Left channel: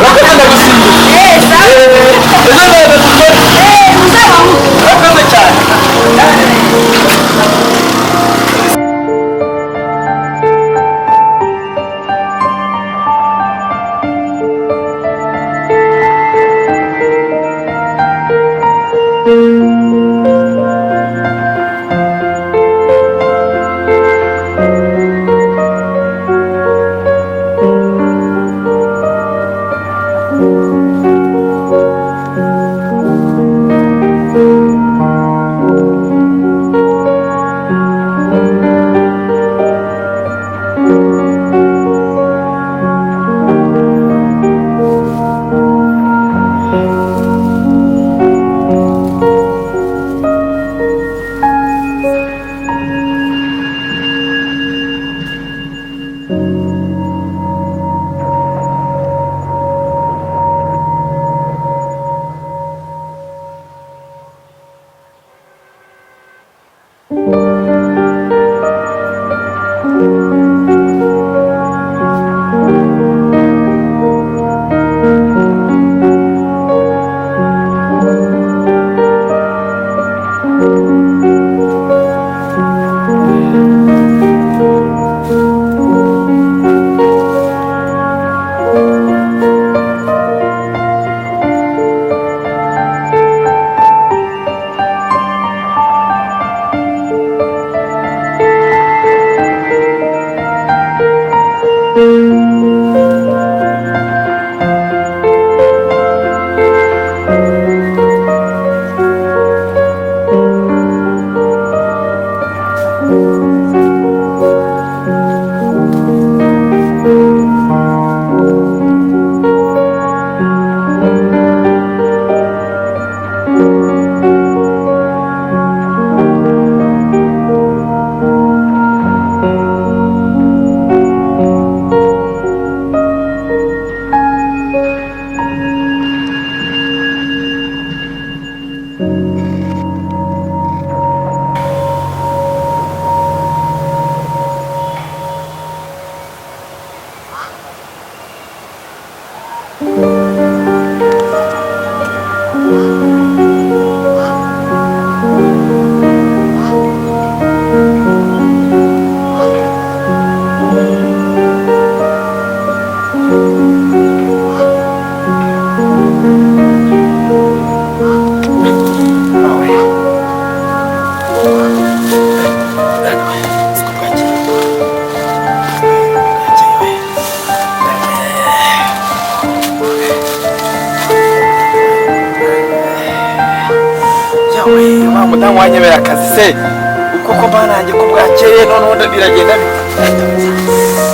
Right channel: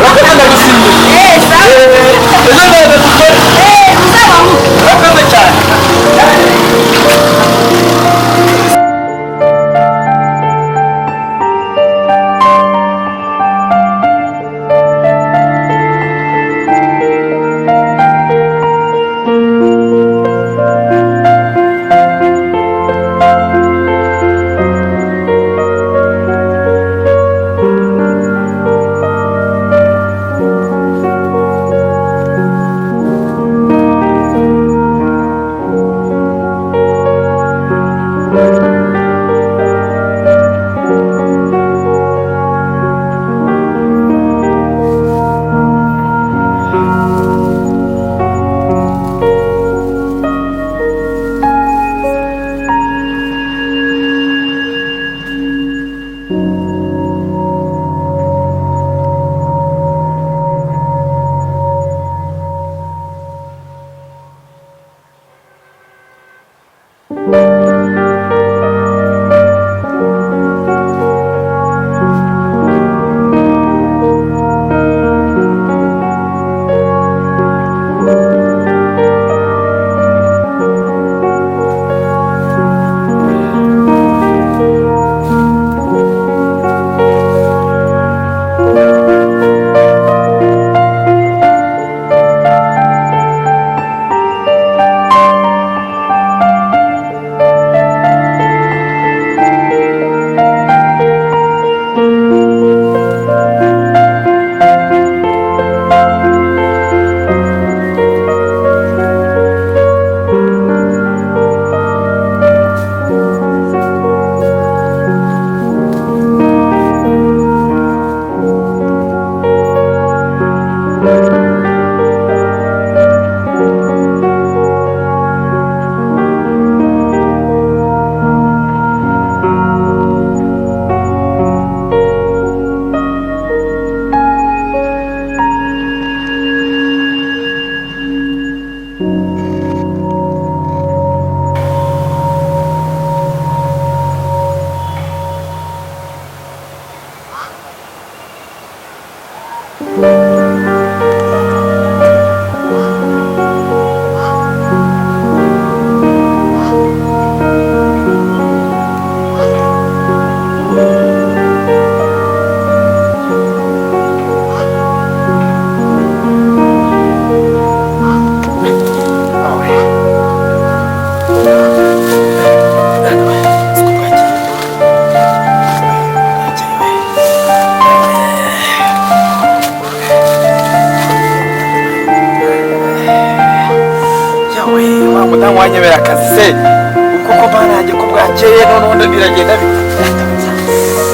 urakunda gusimbuka sawa ejo neza dukore uzabaho urakoze cyane mudamu wanyemera akazi se uko ko banange ko bwakeye none biragenda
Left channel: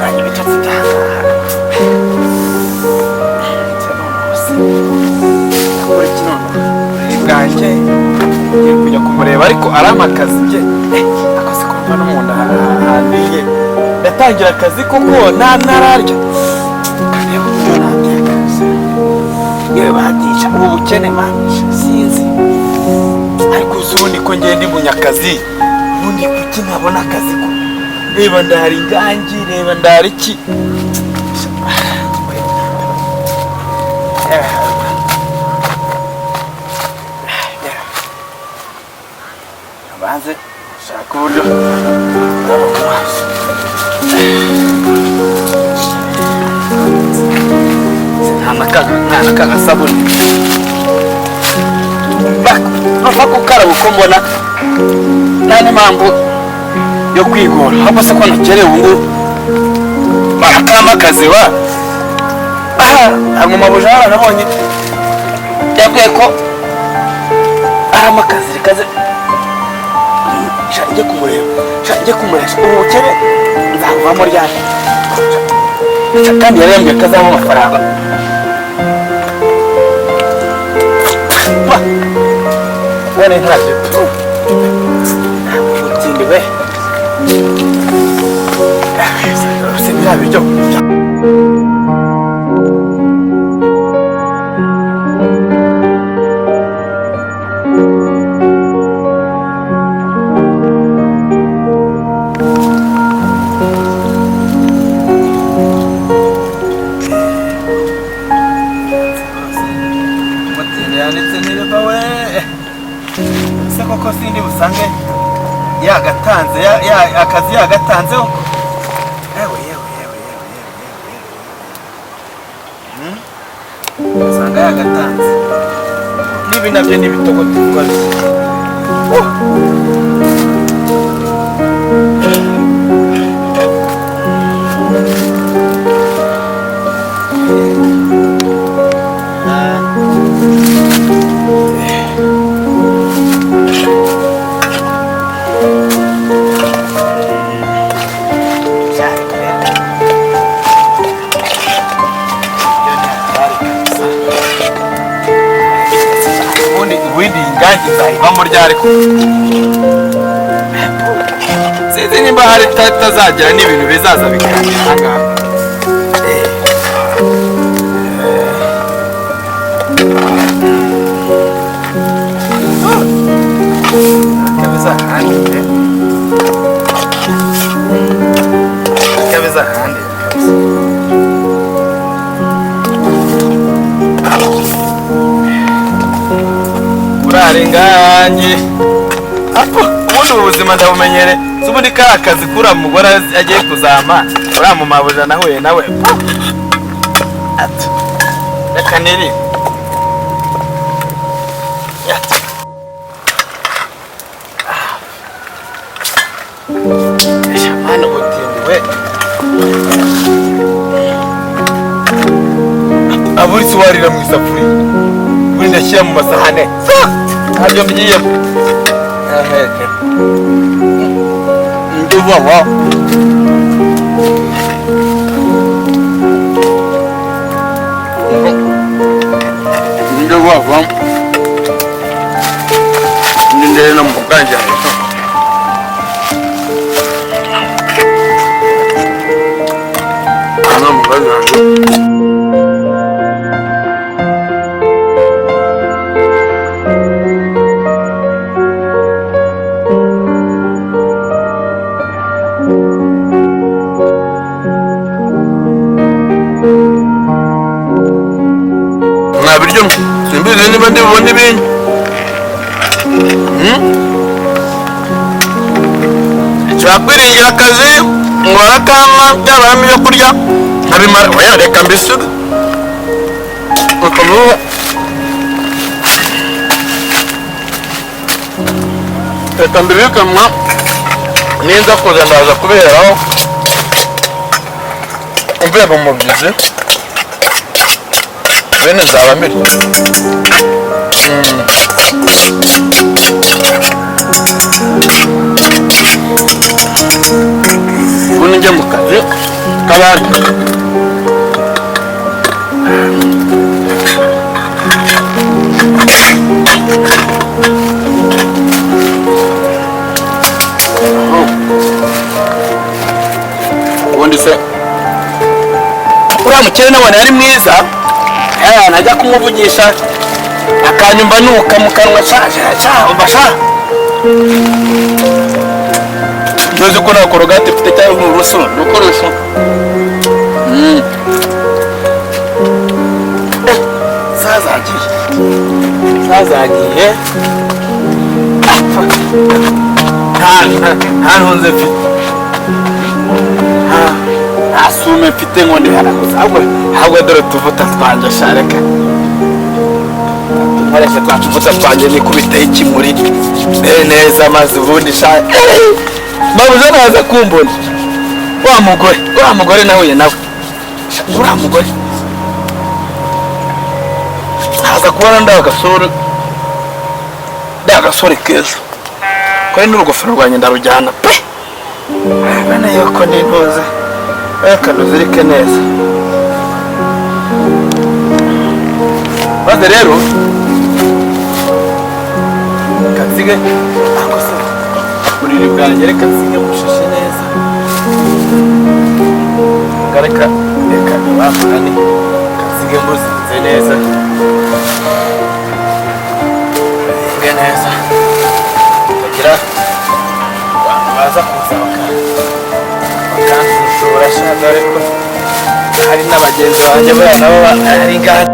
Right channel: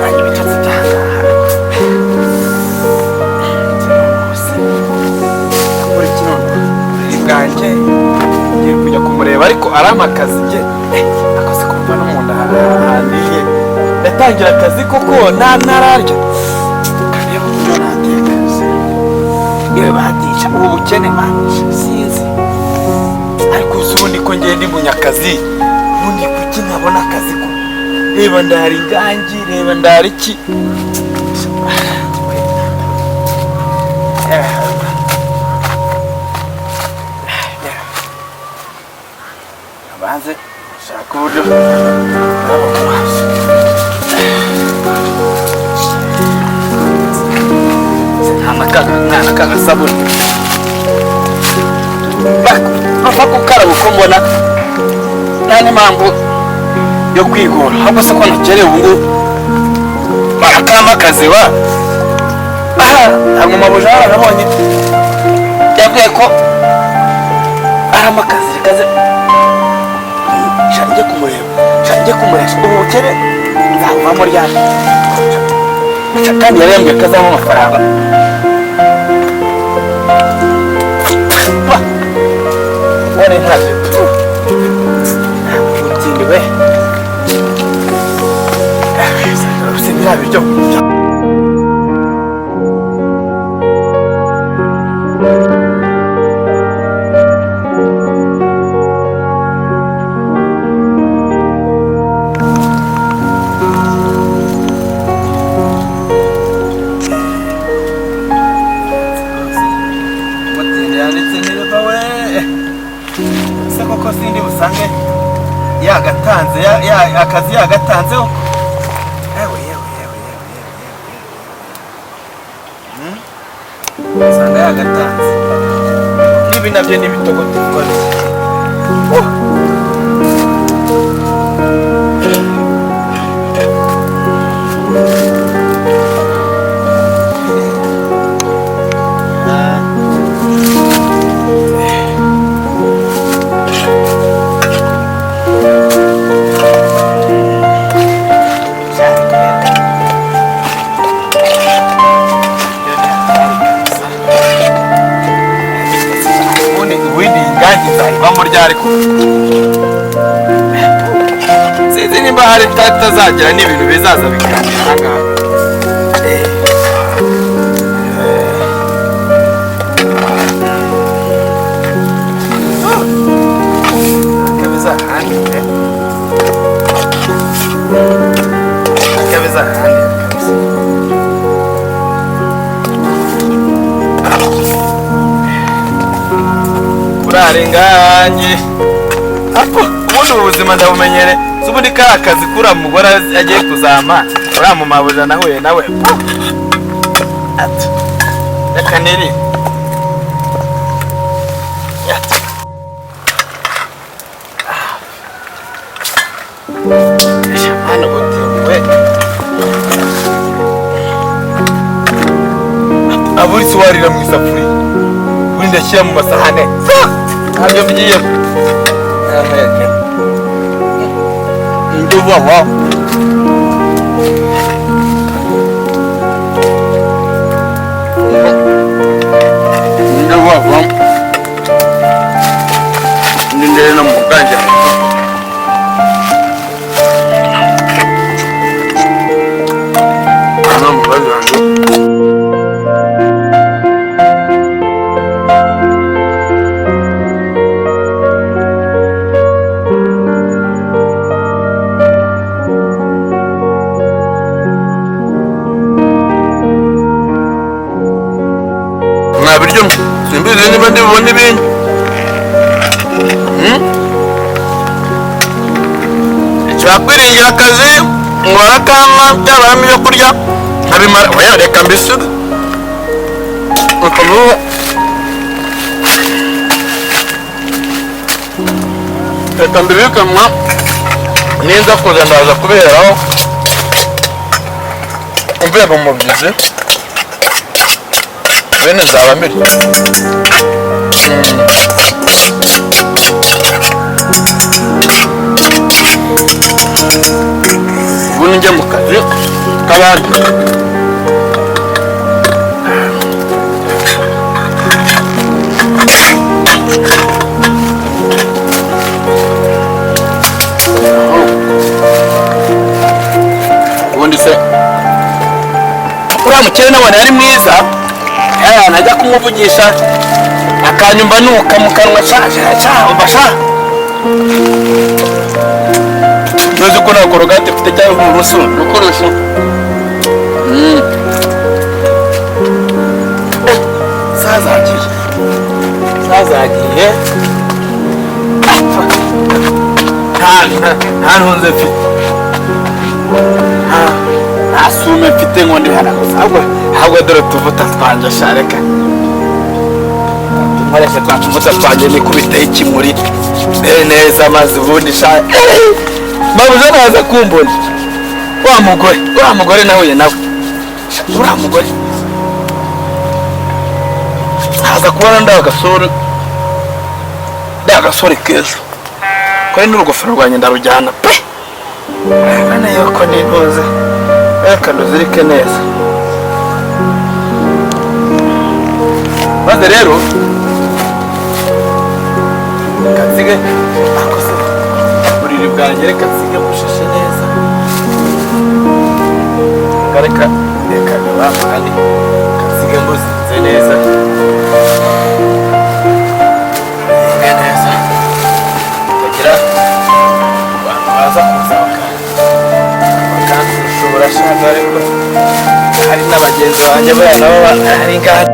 nanjye bitotsi byangaha nakora iki none uri bwanjye ngiye kujya kumureba ariko arama akazi bye akoze kumva no mu nda handiye ndatangira akazi koko nararya kareba uburyo nateka yewe batisha ubu bukene manisha sinzi ariko ubundi ko ngende munyakazi ubundi kuki ntabona akazi ko reba ndahari ingangi reba ndahari iki abanze shaka uburyo aba mu maso nta kagasabune ntuva gukaraba uko mbona nta n'impamvu yo kwigora ahubwo se ko nakerewe ubu ngubu barakama akazi wa aha hari umumabuja nabonye yabwiye ko arama akazi rikaze njye kumureba ubu bukene nzabuvamo ryari kandi yarembwiye ko azamo amafaranga One in hundred. Utindi we. Sibira biryo. sindi busange yagatanze akazi yagatanzeho. Usanga yagatanze nibi nabyo n'ibitogo tuvuga bamo ryariko sinzi nimba hari tazagira n'ibintu bizaza bikanira hanga kabeza handi urarenganye apo ubundi ubuzima ndabumenyere zubundi ka kazi kura mugora agiye kuzama ura mu mabuja nahuye nawe ati reka niri ati shamana gotemwe aburi suwarira mu isafuri ubundi ndashyira mu masahane ntabyo mgiye nduva wa nduva wa ndende na muganja ana muganja biryo simbizi niba ndibona ibindi cyakwiringira akazi ngora kama byabamo ibyo kurya nkabimara oya reka mbisuga ukamuha reka mbibikamwa ninza kuza ndaza kuberaho umvuye mu mubyizi bene zaba mbere ubundi njya mu kazi k'abandi ubundi se uriya mukene nabona yari mwiza najya kumuvugisha akanyumva nuka mu kanwa ubasha ntuzi ko nta korogate mfite cyangwa urusu rukoresho sazagiye nta ntunze mfite nta sume mfite ngo ndihanaguza ahubwo dore tuvuta twanje shareka nkoresha twa tuvuta twanje nikubitaho ikimuri neza maze ubundi sha mabuze naza kumbona wa mugore nahuye nawe uriya mugore haza kubona ndagasore keza kuri n'urugofero rwanjye ndarujyana pe bana yuko nintuze reka nduzirike neza maze rero kansige akose buriri bwanjye reka nsige mushashe neza reka bamugane kansige mbuzinze neza bagira abantu baza kuza bakandushura shaza ariko hari n'abagenzi banjye baya nabo hari ngaha